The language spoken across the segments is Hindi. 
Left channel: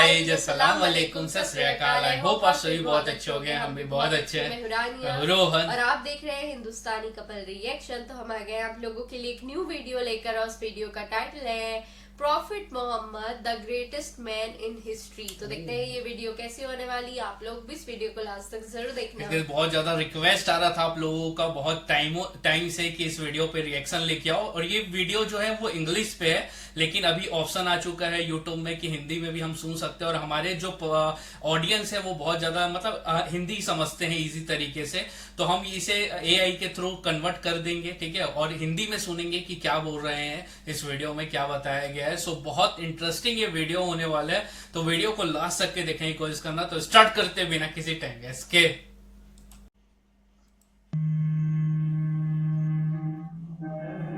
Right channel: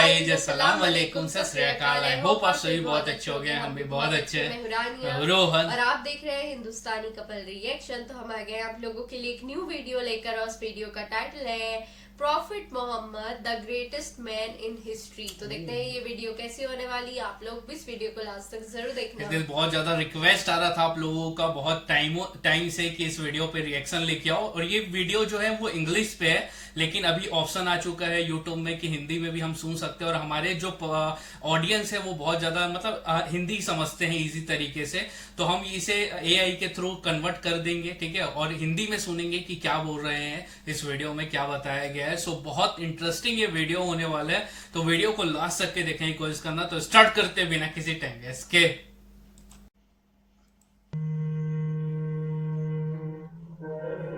गाइस, अस्सलाम वालेकुम, सत श्री अकाल। आई होप आप सभी बहुत अच्छे हो गए, हम भी बहुत अच्छे हैं। मैं हूं रोहन और आप देख रहे हैं हिंदुस्तानी कपल रिएक्शन। तो हम आ गए आप लोगों के लिए एक न्यू वीडियो लेकर, और उस वीडियो का टाइटल है prophet Muhammad the greatest man in history. तो देखते हैं ये वीडियो कैसी होने वाली है। आप लोग भी इस वीडियो को लास्ट तक जरूर देखना। क्योंकि बहुत ज्यादा रिक्वेस्ट आ रहा था आप लोगों का बहुत टाइम से कि इस वीडियो पे रिएक्शन लेके आओ। और ये वीडियो जो है वो इंग्लिश पे है, लेकिन अभी ऑप्शन आ चुका है यूट्यूब में कि हिंदी में भी हम सुन सकते हैं। और हमारे जो ऑडियंस है वो बहुत ज्यादा मतलब हिंदी समझते हैं इजी तरीके से, तो हम इसे एआई के थ्रू कन्वर्ट कर देंगे, ठीक है, और हिंदी में सुनेंगे कि क्या बोल रहे हैं, इस वीडियो में क्या बताया गया है। सो बहुत इंटरेस्टिंग ये वीडियो होने वाला है, तो वीडियो को लास्ट तक के देखने की कोशिश करना। तो स्टार्ट करते बिना किसी टाइम वेस्ट के।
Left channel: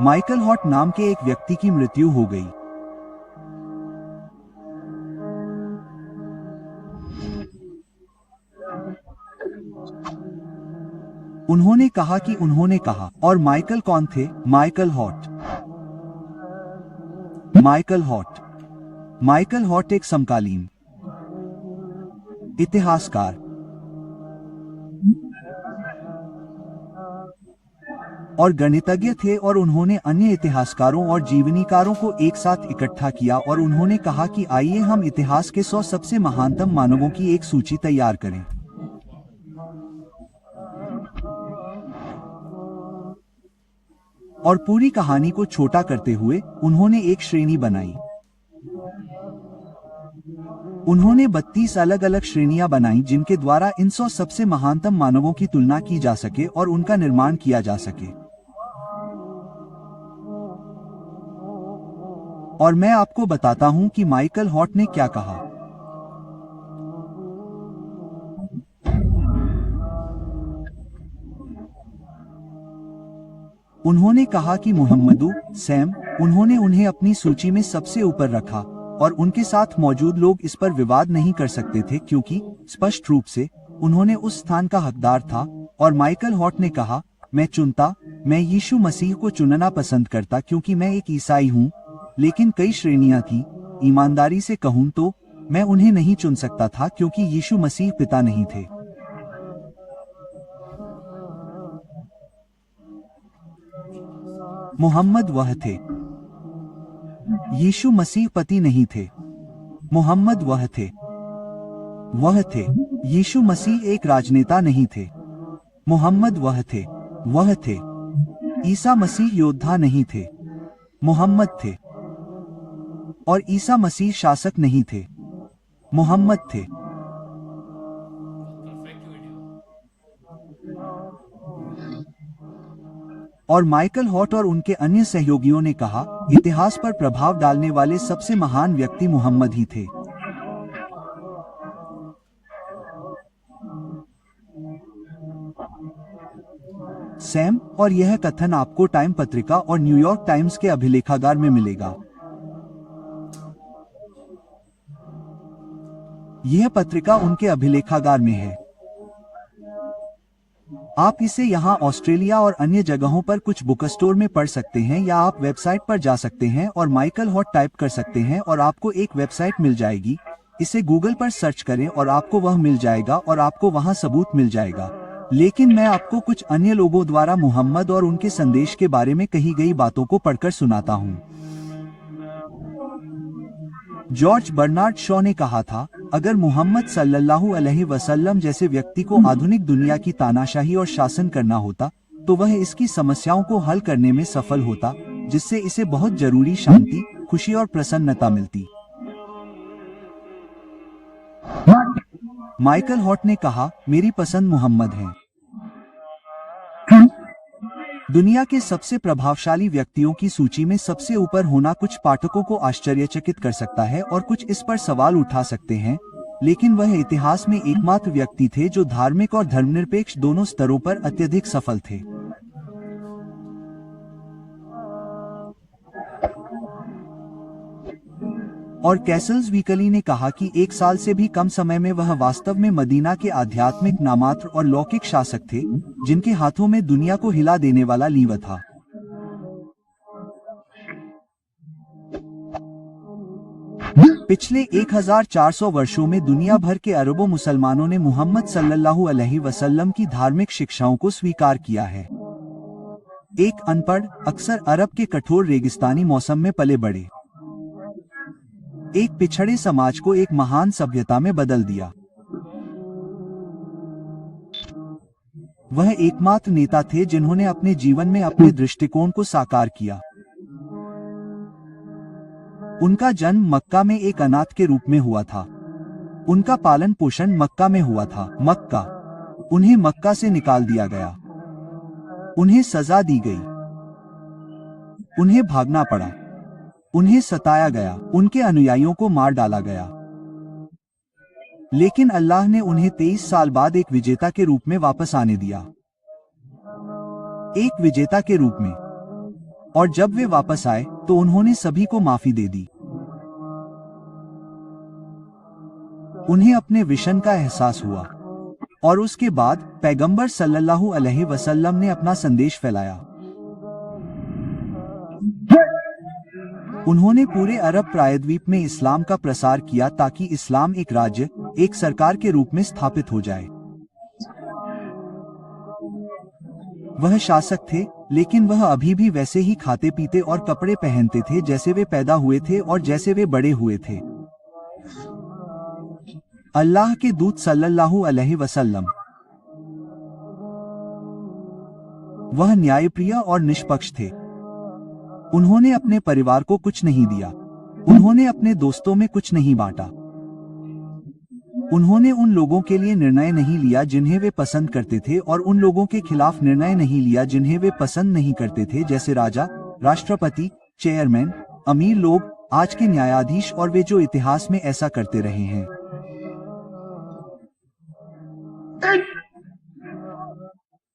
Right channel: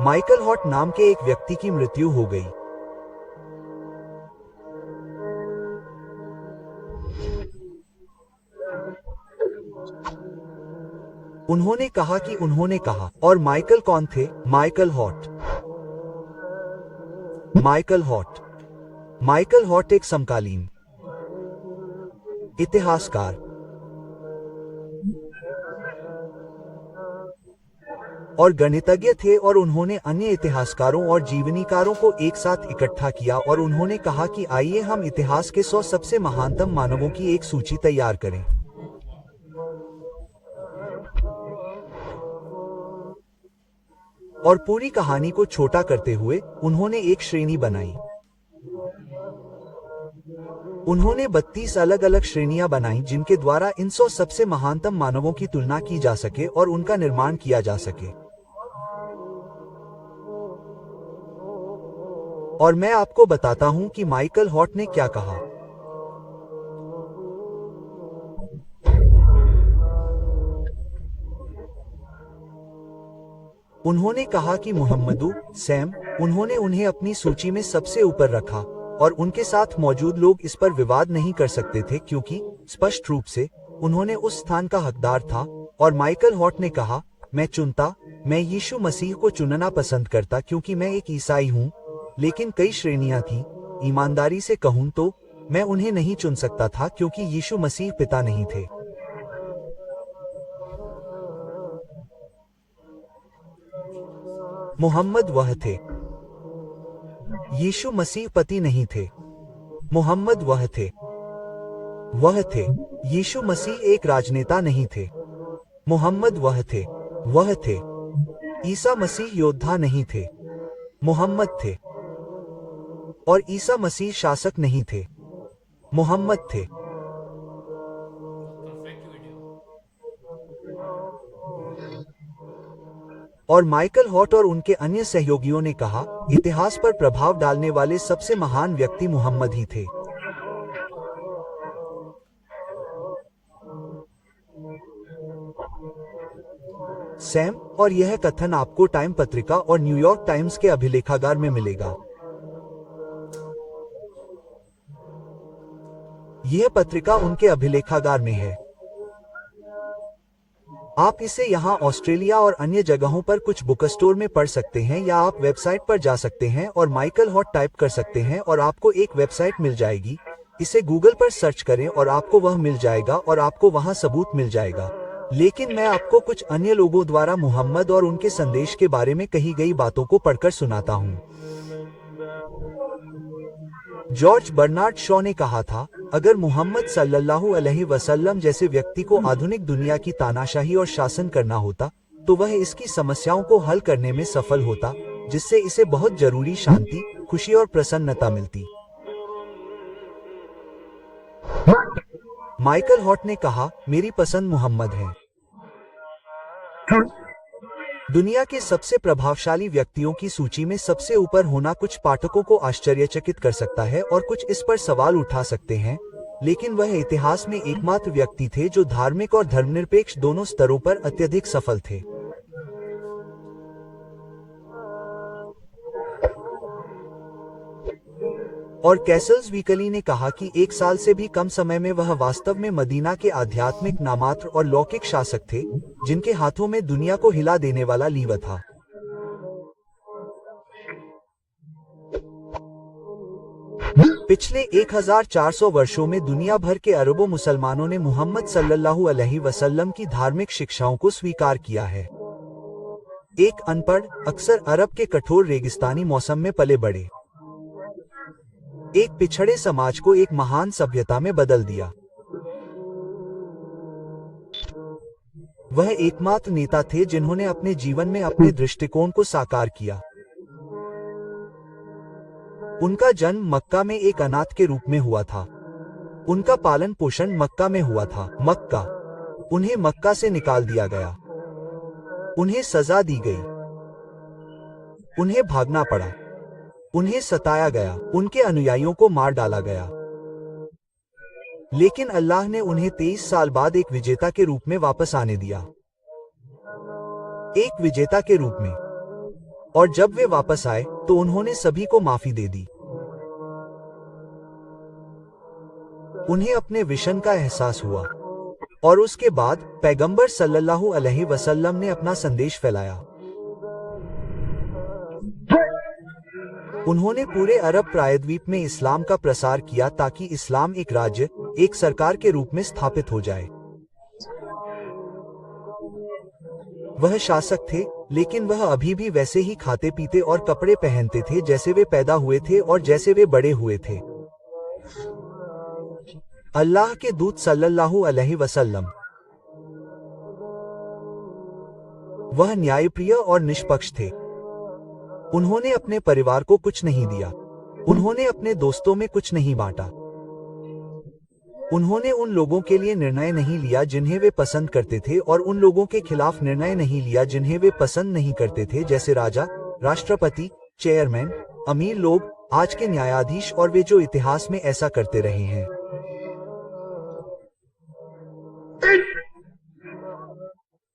माइकल हॉट नाम के एक व्यक्ति की मृत्यु हो गई। उन्होंने कहा कि उन्होंने कहा। और माइकल कौन थे? Michael hot. Michael hot. Michael hot एक समकालीन इतिहासकार और गणितज्ञ थे, और उन्होंने अन्य इतिहासकारों और जीवनीकारों को एक साथ इकट्ठा किया और उन्होंने कहा कि आइए हम इतिहास के 100 सबसे महानतम मानवों की एक सूची तैयार करें। और पूरी कहानी को छोटा करते हुए उन्होंने एक श्रेणी बनाई। उन्होंने 32 अलग अलग श्रेणियां बनाई जिनके द्वारा इन 100 सबसे महानतम मानवों की तुलना की जा सके और उनका निर्माण किया जा सके। और मैं आपको बताता हूं कि माइकल हॉट ने क्या कहा। उन्होंने कहा कि मुहम्मदू, सैम, उन्होंने उन्हें अपनी सूची में सबसे ऊपर रखा, और उनके साथ मौजूद लोग इस पर विवाद नहीं कर सकते थे क्योंकि स्पष्ट रूप से उन्होंने उस स्थान का हकदार था। और माइकल हॉट ने कहा, मैं यीशु मसीह को चुनना पसंद करता क्योंकि मैं एक ईसाई हूं, लेकिन कई श्रेणियां थीं। ईमानदारी से कहूं तो मैं उन्हें नहीं चुन सकता था क्योंकि यीशु मसीह पिता नहीं थे। मोहम्मद वह थे। यीशु मसीह पति नहीं थे। मोहम्मद वह थे। यीशु मसीह एक राजनेता नहीं थे। मोहम्मद वह थे। ईसा मसीह योद्धा नहीं थे। मोहम्मद थे। और ईसा मसीह शासक नहीं थे। मोहम्मद थे। Perfect video. और माइकल हॉट और उनके अन्य सहयोगियों ने कहा, इतिहास पर प्रभाव डालने वाले सबसे महान व्यक्ति मुहम्मद ही थे। सैम, और यह कथन आपको टाइम पत्रिका और न्यूयॉर्क टाइम्स के अभिलेखागार में मिलेगा। यह पत्रिका उनके अभिलेखागार में है। आप इसे यहाँ ऑस्ट्रेलिया और अन्य जगहों पर कुछ बुक स्टोर में पढ़ सकते हैं, या आप वेबसाइट पर जा सकते हैं और माइकल हॉट टाइप कर सकते हैं और आपको एक वेबसाइट मिल जाएगी। इसे गूगल पर सर्च करें और आपको वह मिल जाएगा और आपको वहां सबूत मिल जाएगा। लेकिन मैं आपको कुछ अन्य लोगों द्वारा मुहम्मद और उनके संदेश के बारे में कही गई बातों को पढ़कर सुनाता हूँ। जॉर्ज बर्नार्ड शॉ ने कहा था, अगर मुहम्मद सल्लल्लाहु अलैहि वसल्लम जैसे व्यक्ति को आधुनिक दुनिया की तानाशाही और शासन करना होता, तो वह इसकी समस्याओं को हल करने में सफल होता, जिससे इसे बहुत जरूरी शांति, खुशी और प्रसन्नता मिलती। माइकल हॉट ने कहा, मेरी पसंद मुहम्मद है। दुनिया के सबसे प्रभावशाली व्यक्तियों की सूची में सबसे ऊपर होना कुछ पाठकों को आश्चर्यचकित कर सकता है और कुछ इस पर सवाल उठा सकते हैं, लेकिन वह इतिहास में एकमात्र व्यक्ति थे जो धार्मिक और धर्मनिरपेक्ष दोनों स्तरों पर अत्यधिक सफल थे। और कैसल्स वीकली ने कहा कि 1 साल से भी कम समय में वह वास्तव में मदीना के आध्यात्मिक नामात्र और लौकिक शासक थे, जिनके हाथों में दुनिया को हिला देने वाला लीवर था। पिछले 1400 वर्षों में दुनिया भर के अरबों मुसलमानों ने मुहम्मद सल्लल्लाहु अलैहि वसल्लम की धार्मिक शिक्षाओं को स्वीकार किया है। एक अनपढ़, अक्सर अरब के कठोर रेगिस्तानी मौसम में पले बड़े एक पिछड़े समाज को एक महान सभ्यता में बदल दिया। वह एकमात्र नेता थे जिन्होंने अपने जीवन में अपने दृष्टिकोण को साकार किया। उनका जन्म मक्का में एक अनाथ के रूप में हुआ था। उनका पालन पोषण मक्का में हुआ था। मक्का, उन्हें मक्का से निकाल दिया गया। उन्हें सजा दी गई। उन्हें भागना पड़ा। उन्हें सताया गया। उनके अनुयायियों को मार डाला गया। लेकिन अल्लाह ने उन्हें 23 साल बाद एक विजेता के रूप में वापस आने दिया। एक विजेता के रूप में। और जब वे वापस आए तो उन्होंने सभी को माफी दे दी। उन्हें अपने विशन का एहसास हुआ और उसके बाद पैगंबर सल्लल्लाहु अलैहि वसल्लम ने अपना संदेश फैलाया। उन्होंने पूरे अरब प्रायद्वीप में इस्लाम का प्रसार किया ताकि इस्लाम एक राज्य, एक सरकार के रूप में स्थापित हो जाए। वह शासक थे, लेकिन वह अभी भी वैसे ही खाते पीते और कपड़े पहनते थे जैसे वे पैदा हुए थे और जैसे वे बड़े हुए थे। अल्लाह के दूत सल्लल्लाहु अलैहि वसल्लम, वह न्यायप्रिय और निष्पक्ष थे। उन्होंने अपने परिवार को कुछ नहीं दिया। उन्होंने अपने दोस्तों में कुछ नहीं बांटा। उन्होंने उन लोगों के लिए निर्णय नहीं लिया जिन्हें वे पसंद करते थे और उन लोगों के खिलाफ निर्णय नहीं लिया जिन्हें वे पसंद नहीं करते थे, जैसे राजा, राष्ट्रपति, चेयरमैन, अमीर लोग, आज के न्यायाधीश और वे जो इतिहास में ऐसा करते रहे हैं।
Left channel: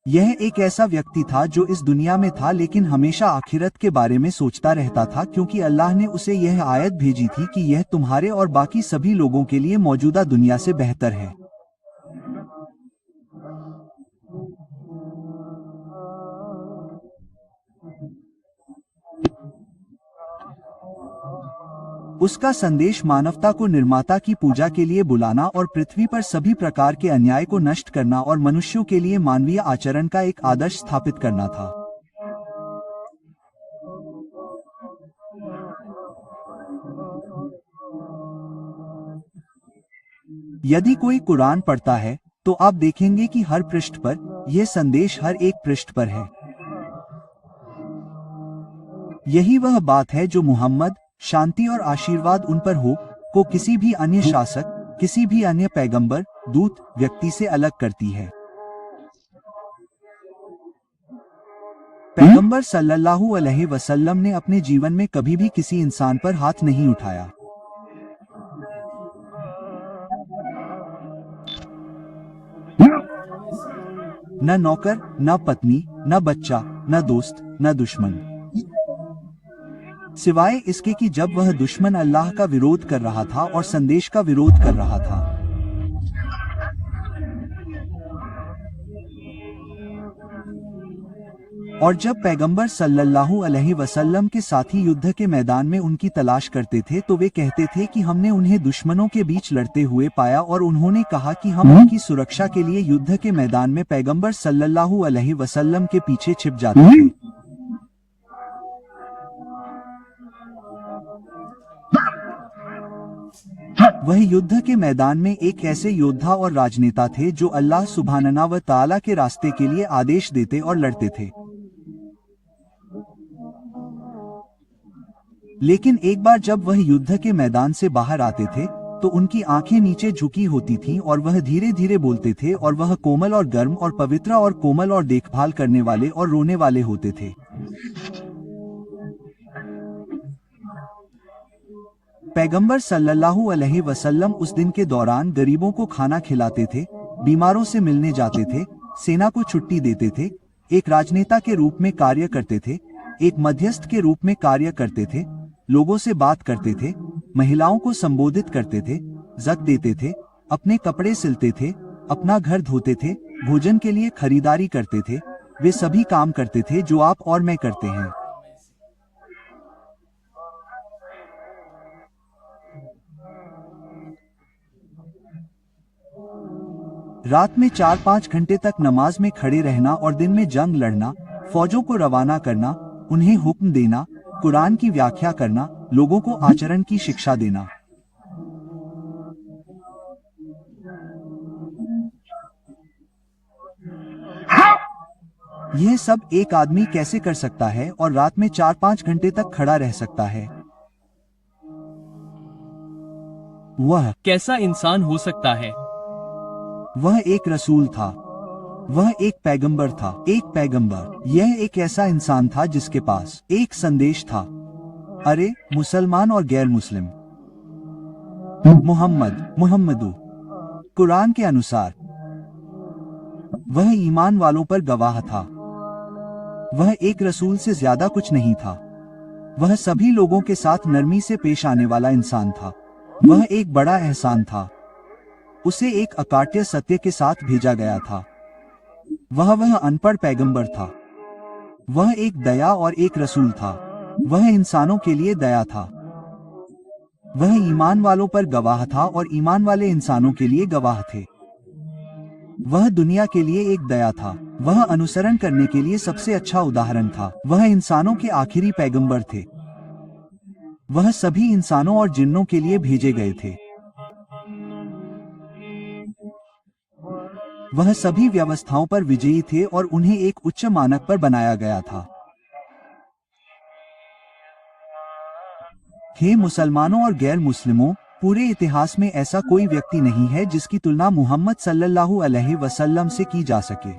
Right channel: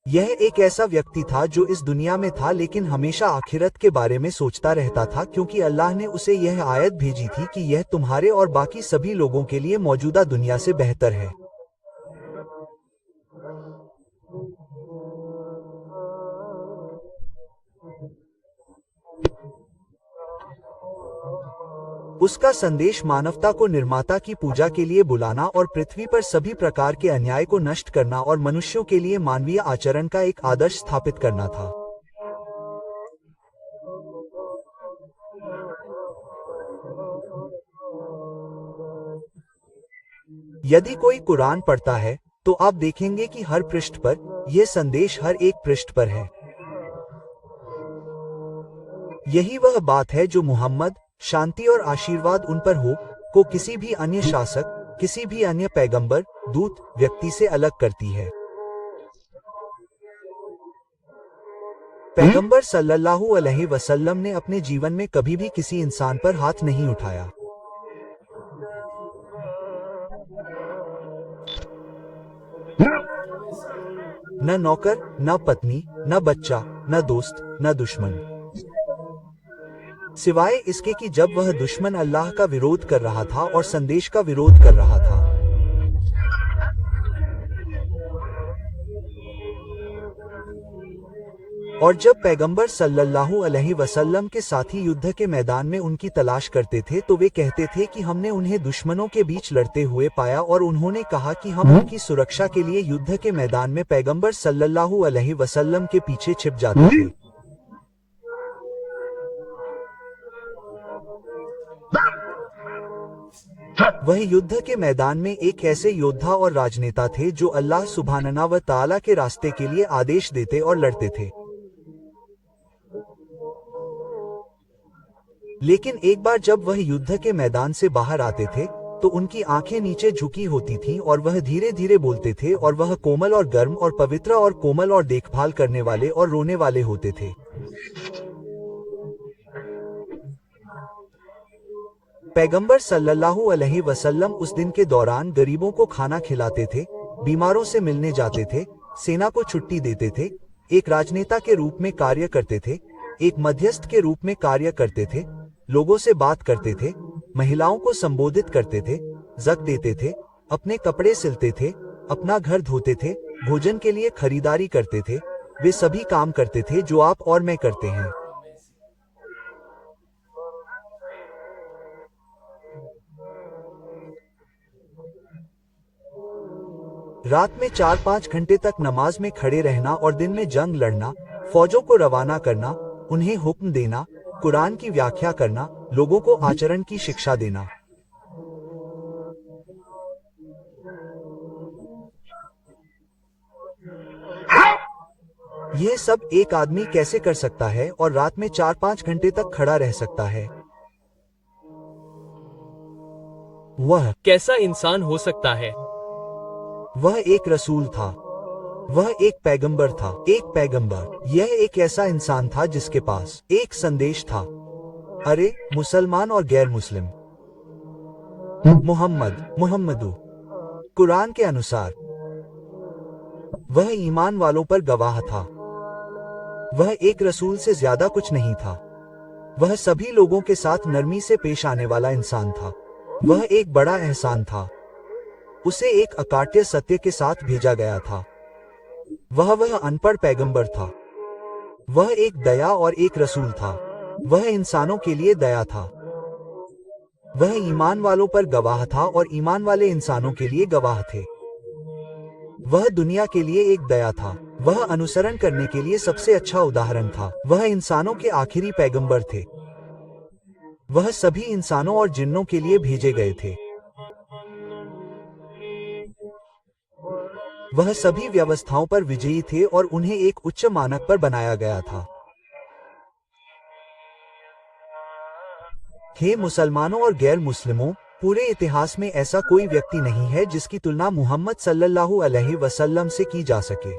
यह एक ऐसा व्यक्ति था जो इस दुनिया में था लेकिन हमेशा आखिरत के बारे में सोचता रहता था, क्योंकि अल्लाह ने उसे यह आयत भेजी थी कि यह तुम्हारे और बाकी सभी लोगों के लिए मौजूदा दुनिया से बेहतर है। उसका संदेश मानवता को निर्माता की पूजा के लिए बुलाना और पृथ्वी पर सभी प्रकार के अन्याय को नष्ट करना और मनुष्यों के लिए मानवीय आचरण का एक आदर्श स्थापित करना था। यदि कोई कुरान पढ़ता है तो आप देखेंगे कि हर पृष्ठ पर यह संदेश हर एक पृष्ठ पर है। यही वह बात है जो मुहम्मद, शांति और आशीर्वाद उन पर हो, को किसी भी अन्य शासक, किसी भी अन्य पैगंबर, दूत, व्यक्ति से अलग करती है। पैगंबर सल्लल्लाहु अलैहि वसल्लम ने अपने जीवन में कभी भी किसी इंसान पर हाथ नहीं उठाया। न नौकर, न पत्नी, न बच्चा, न दोस्त, न दुश्मन, सिवाय इसके कि जब वह दुश्मन अल्लाह का विरोध कर रहा था और संदेश का विरोध कर रहा था। और जब पैगंबर सल्लल्लाहु अलैहि वसल्लम के साथी युद्ध के मैदान में उनकी तलाश करते थे तो वे कहते थे कि हमने उन्हें दुश्मनों के बीच लड़ते हुए पाया, और उन्होंने कहा कि हम उनकी सुरक्षा के लिए युद्ध के मैदान में पैगंबर सल्लल्लाहु अलैहि वसल्लम के पीछे छिप जाते थे। वह युद्ध के मैदान में एक ऐसे योद्धा और राजनेता थे जो अल्लाह सुब्हानहू व तआला के रास्ते के लिए आदेश देते और लड़ते थे। लेकिन एक बार जब वह युद्ध के मैदान से बाहर आते थे तो उनकी आंखें नीचे झुकी होती थीं और वह धीरे धीरे बोलते थे, और वह कोमल और गर्म और पवित्र और कोमल और देखभाल करने वाले और रोने वाले होते थे। पैगंबर सल्लल्लाहु अलैहि वसल्लम उस दिन के दौरान गरीबों को खाना खिलाते थे, बीमारों से मिलने जाते थे, सेना को छुट्टी देते थे, एक राजनेता के रूप में कार्य करते थे, एक मध्यस्थ के रूप में कार्य करते थे, लोगों से बात करते थे, महिलाओं को संबोधित करते थे, ज़क देते थे, अपने कपड़े सिलते थे, अपना घर धोते थे, भोजन के लिए खरीदारी करते थे, वे सभी काम करते थे जो आप और मैं करते हैं। रात में 4-5 घंटे तक नमाज में खड़े रहना और दिन में जंग लड़ना, फौजों को रवाना करना, उन्हें हुक्म देना, कुरान की व्याख्या करना, लोगों को आचरण की शिक्षा देना। यह सब एक आदमी कैसे कर सकता है और रात में 4-5 घंटे तक खड़ा रह सकता है? वह कैसा इंसान हो सकता है? वह एक रसूल था। वह एक पैगंबर था। एक पैगंबर। यह एक ऐसा इंसान था जिसके पास एक संदेश था। अरे मुसलमान और गैर मुस्लिम, मुहम्मदू कुरान के अनुसार वह ईमान वालों पर गवाह था। वह एक रसूल से ज्यादा कुछ नहीं था। वह सभी लोगों के साथ नरमी से पेश आने वाला इंसान था। वह एक बड़ा एहसान था। उसे एक अकाट्य सत्य के साथ भेजा गया था। वह अनपढ़ पैगंबर था। वह एक दया और एक रसूल था। वह इंसानों के लिए दया था। वह ईमान वालों पर गवाह था और ईमान वाले इंसानों के लिए गवाह थे। वह दुनिया के लिए एक दया था। वह अनुसरण करने के लिए सबसे अच्छा उदाहरण था। वह इंसानों के आखिरी पैगंबर थे। वह सभी इंसानों और जिन्नों के लिए भेजे गए थे। वह सभी व्यवस्थाओं पर विजयी थे और उन्हें एक उच्च मानक पर बनाया गया था। हे मुसलमानों और गैर मुस्लिमों, पूरे इतिहास में ऐसा कोई व्यक्ति नहीं है जिसकी तुलना मोहम्मद सल्लल्लाहु अलैहि वसल्लम से की जा सके।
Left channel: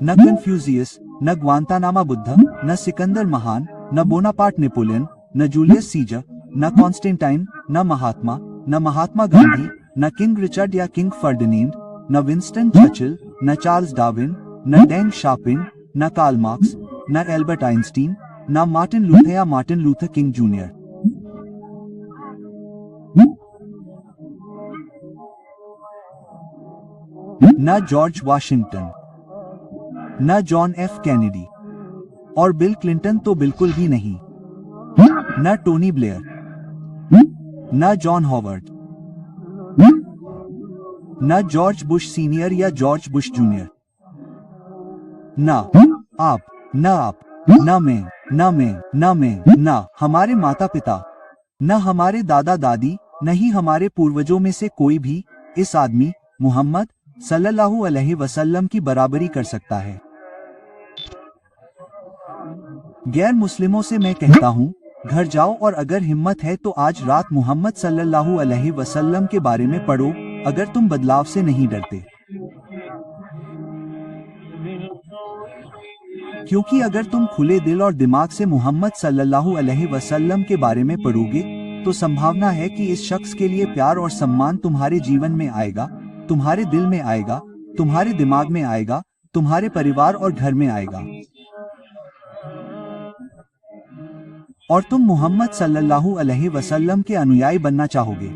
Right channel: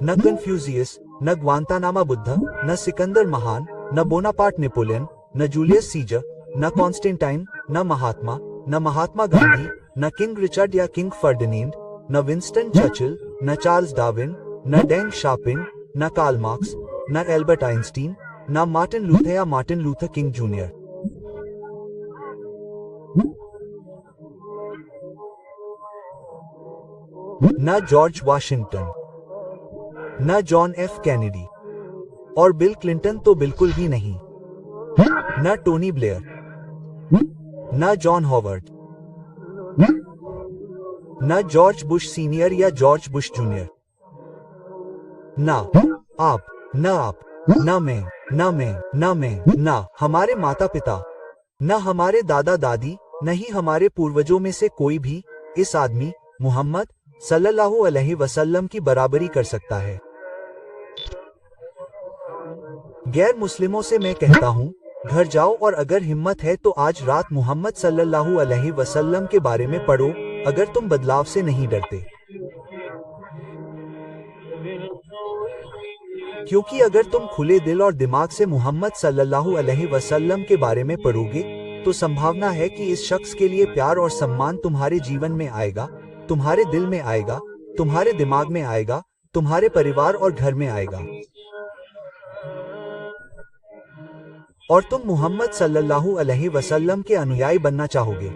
न कन्फ्यूजियस, न ग्वांतानामा बुद्ध, न सिकंदर महान, न बोनापार्ट नेपोलियन, न जूलियस सीजर, न कॉन्स्टेंटाइन, न महात्मा गांधी, न किंग रिचर्ड या किंग फर्डिनेंड, न विंस्टन चर्चिल, न चार्ल्स डार्विन, न डेंग शापिन, न कार्ल मार्क्स, न एल्बर्ट आइंस्टीन, न मार्टिन लूथर या मार्टिन लूथर किंग जूनियर। न जॉर्ज वाशिंगटन, न जॉन एफ कैनेडी, और बिल क्लिंटन तो बिल्कुल भी नहीं। न टोनी ब्लेयर, न जॉन हॉवर्ड, न जॉर्ज बुश सीनियर या जॉर्ज बुश जूनियर। न आप, न मैं, न हमारे माता पिता, न हमारे दादा दादी, न ही हमारे पूर्वजों में से कोई भी इस आदमी मोहम्मद सल्लल्लाहु अलैहि वसल्लम की बराबरी कर सकता है। गैर मुस्लिमों से मैं कहता हूँ, घर जाओ और अगर हिम्मत है तो आज रात मोहम्मद सल्लल्लाहु अलैहि वसल्लम के बारे में पढ़ो, अगर तुम बदलाव से नहीं डरते। क्योंकि अगर तुम खुले दिल और दिमाग से मोहम्मद सल्लल्लाहु अलैहि वसल्लम के बारे में पढ़ोगे, तो संभावना है कि इस शख्स के लिए प्यार और सम्मान तुम्हारे जीवन में आएगा, तुम्हारे दिल में आएगा, तुम्हारे दिमाग में आएगा, तुम्हारे परिवार और घर में आएगा। और तुम मोहम्मद सल्लल्लाहु अलैहि वसल्लम के अनुयायी बनना चाहोगे।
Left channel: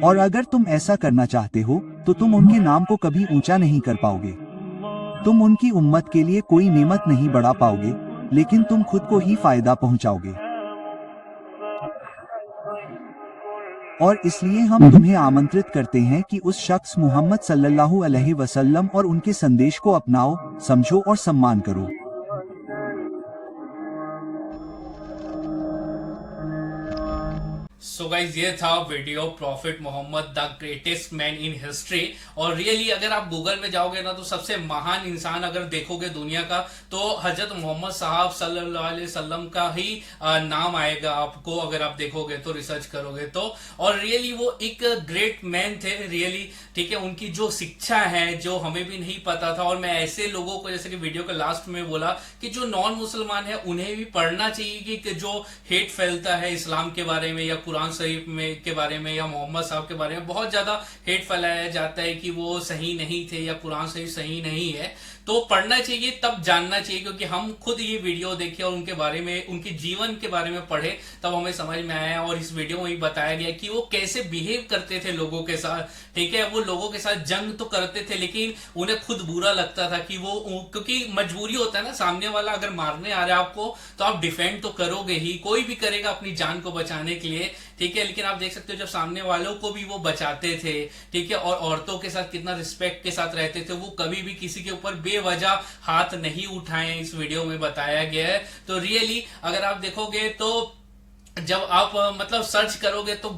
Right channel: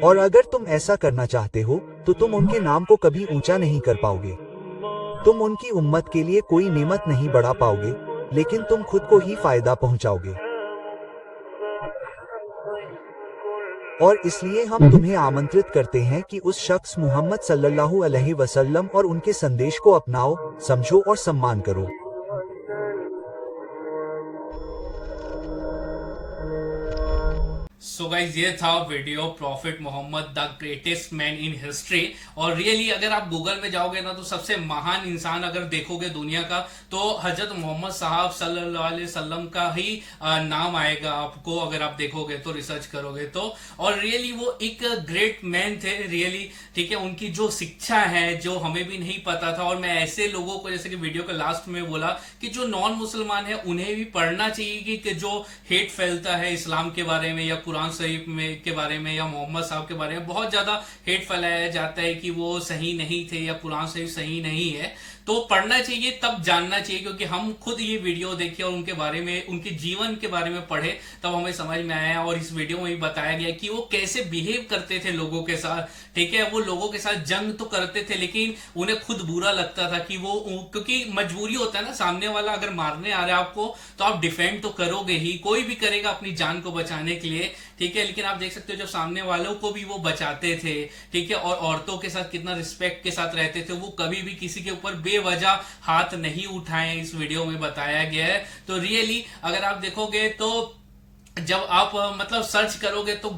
और अगर तुम ऐसा करना चाहते हो, तो तुम उनके नाम को कभी ऊंचा नहीं कर पाओगे। तुम उनकी उम्मत के लिए कोई नेमत नहीं बढ़ा पाओगे, लेकिन तुम खुद को ही फायदा पहुंचाओगे। और इसलिए हम तुम्हें आमंत्रित करते हैं कि उस शख्स मोहम्मद सल्लल्लाहु अलैहि वसल्लम और उनके संदेश को अपनाओ, समझो और सम्मान करो। सो गाइज, ये था video prophet Muhammad the greatest man in history. और रियली अगर आप गूगल में जाओगे ना, तो सबसे महान इंसान अगर देखोगे दुनिया का, तो हजरत मोहम्मद साहब सल्लल्लाहु अलैहि वसल्लम का ही नाम आएगा आपको, अगर आप देखोगे तो, रिसर्च करोगे तो। और रियली वो एक ग्रेट मैन थे रियली, ठीक है। उनकी जो शिक्षा है, जो हमें भी नहीं पता था, और मैं ऐसे लोगों को, जैसे कि वीडियो के लास्ट में बोला, कि जो नॉन मुसलमान है उन्हें भी पढ़ना चाहिए कि जो हेट फैलता है इस्लाम के बारे में या कुरान शरीफ में के बारे में या मोहम्मद साहब के बारे में, बहुत ज्यादा हेट फैलाया जाता है कि वो सही नहीं थे या कुरान शरीफ सही नहीं है। तो पढ़ना चाहिए, तब जानना चाहिए, क्योंकि हम खुद ये वीडियो देखे और उनके बारे में, उनके जीवन के बारे में पढ़े, तब हमें समझ में आया। और इस वीडियो में भी बताया गया कि वो कैसे बिहेव करते थे लोगों के साथ, ठीक है। वो लोगों के साथ जंग तो करते थे, लेकिन उन्हें खुद बुरा लगता था कि वो, क्योंकि मजबूरी होता है ना, सामने वाला अगर मारने आ रहा है आपको तो आप डिफेंड तो करोगे ही, कोई भी करेगा अपनी जान को बचाने के लिए, ठीक है। लेकिन आप देख सकते हो जब सामने वालों को भी वो बचाते थे, ठीक है, और औरतों के साथ कितना रिस्पेक्ट के साथ रहते थे, वो कभी भी किसी के ऊपर बेवजह हाथ नहीं उठाए, इस वीडियो में बताया गया है। तो रियली अगर आप देखोगे तो जब आप मतलब सर्च करोगे तो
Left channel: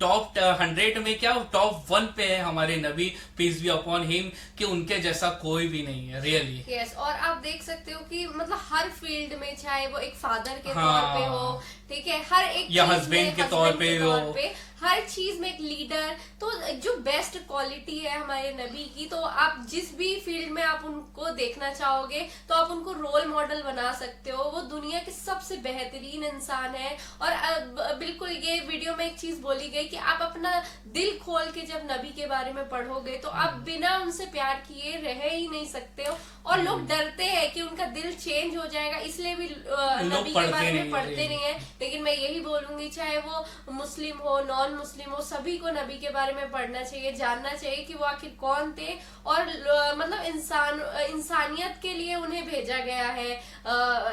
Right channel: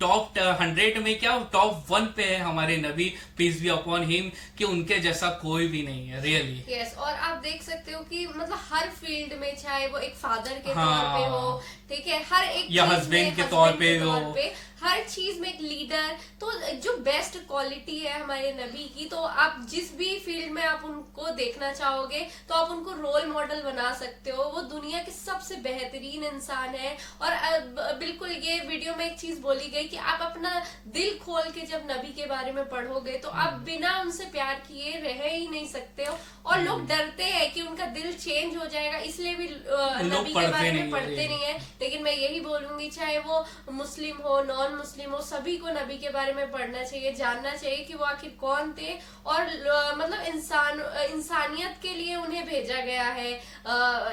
टॉप 100 में क्या टॉप 1 पे है हमारे नबी, पीस बी अपॉन हिम, कि उनके जैसा कोई भी नहीं है रियली। यस, और आप देख सकते हो कि मतलब हर फील्ड में, चाहे वो एक फादर के हाँ, तौर पे हो, ठीक है, हर एक या चीज हस्बैंड में, के तौर पे हो, हर चीज में एक लीडर, तो जो बेस्ट क्वालिटी है हमारे नबी की, तो आप जिस भी फील्ड में आप उनको देखना चाहोगे तो आप उनको रोल मॉडल बना सकते हो। वो दुनिया के सबसे बेहतरीन इंसान है। और बिल्कुल ये वीडियो में एक चीज बोली गई कि आप अपना दिल खोल के जब नबी के बारे में पढ़ोगे तो आप बिना उनसे प्यार किए रह ही नहीं सकते हो। और लोग डरते हैं कि उनका दिल चेंज हो जाएगा, इसलिए भी नबी के बारे में पढ़ते नहीं है। लेकिन मैं यही बोलूंगी, चाहे वो मुस्लिम हो, नॉन मुस्लिम हो, सभी को नबी के बारे में पढ़ना चाहिए, जानना चाहिए कि वो आखिर कौन थे, और मतलब इंसानियत के लिए उन्हें भेजा गया है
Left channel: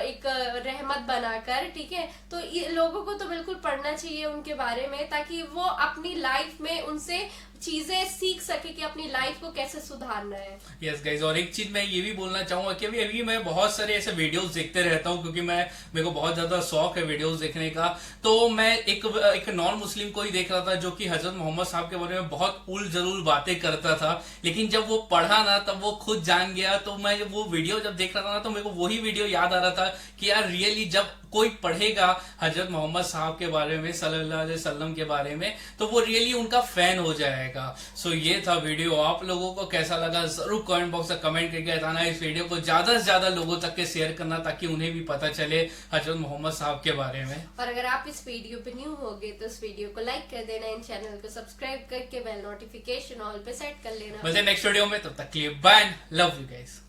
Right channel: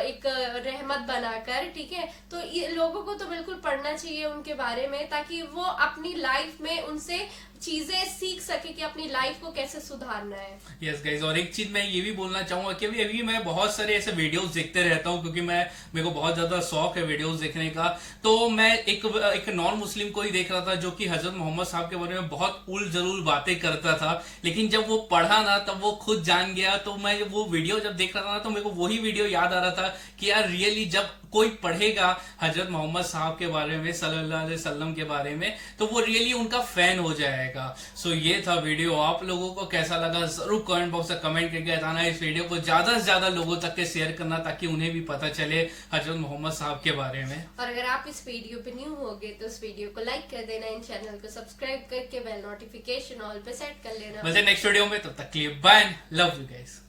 एक रहमत बनाकर, ठीक है। तो ये लोगों को तो बिल्कुल पढ़ना चाहिए उनके बारे में, ताकि वो अपनी लाइफ में उनसे चीजें सीख सके कि अपनी लाइफ को कैसे सुधारना है। यस गाइज, और एक चीज मैं ये भी बोलना चाहूंगा कि अभी मैं बहुत सारे ऐसे वीडियोस देखते रहता हूँ, क्योंकि मेरे को बहुत ज्यादा शौक है वीडियोस देखने का। तो मैं एक नॉन मुस्लिम को ही देख रहा था जो कि हजरत मोहम्मद साहब के बारे में बहुत उल जरूर बातें करता था, लेकिन जब वो पढ़ा ना तब वो खुद जान गया। तो मैं वो वीडियो जब देख रहा था ना तो मेरे को वही वीडियो याद आ रहा था कि यार रियली जब कोई पढ़ेगा हजरत मोहम्मद साहब के बारे में, सल्लल्लाहु अलैहि वसल्लम के बारे में, तो वो रियली उनका फैन हो जाएगा। सो ये था वीडियो, आप लोगों को कैसा लगा जरूर कमेंट बॉक्स में कमेंट करके बताना। इस वीडियो को ज्यादा से ज्यादा लोगों तक के शेयर करना ताकि उन्हें भी पता चले हजरत मोहम्मद साहब के बारे में। और अगर आप इस वीडियो पे न्यू होगे तो इस वीडियो को लाइक कर देना, इन चैनल को सब्सक्राइब करके बेल नोटिफिकेशन ऑल पे सेट कर लेना। मिलते हैं नेक्स्ट वीडियो में, तब तक के लिए बाय, लव यू गाइस।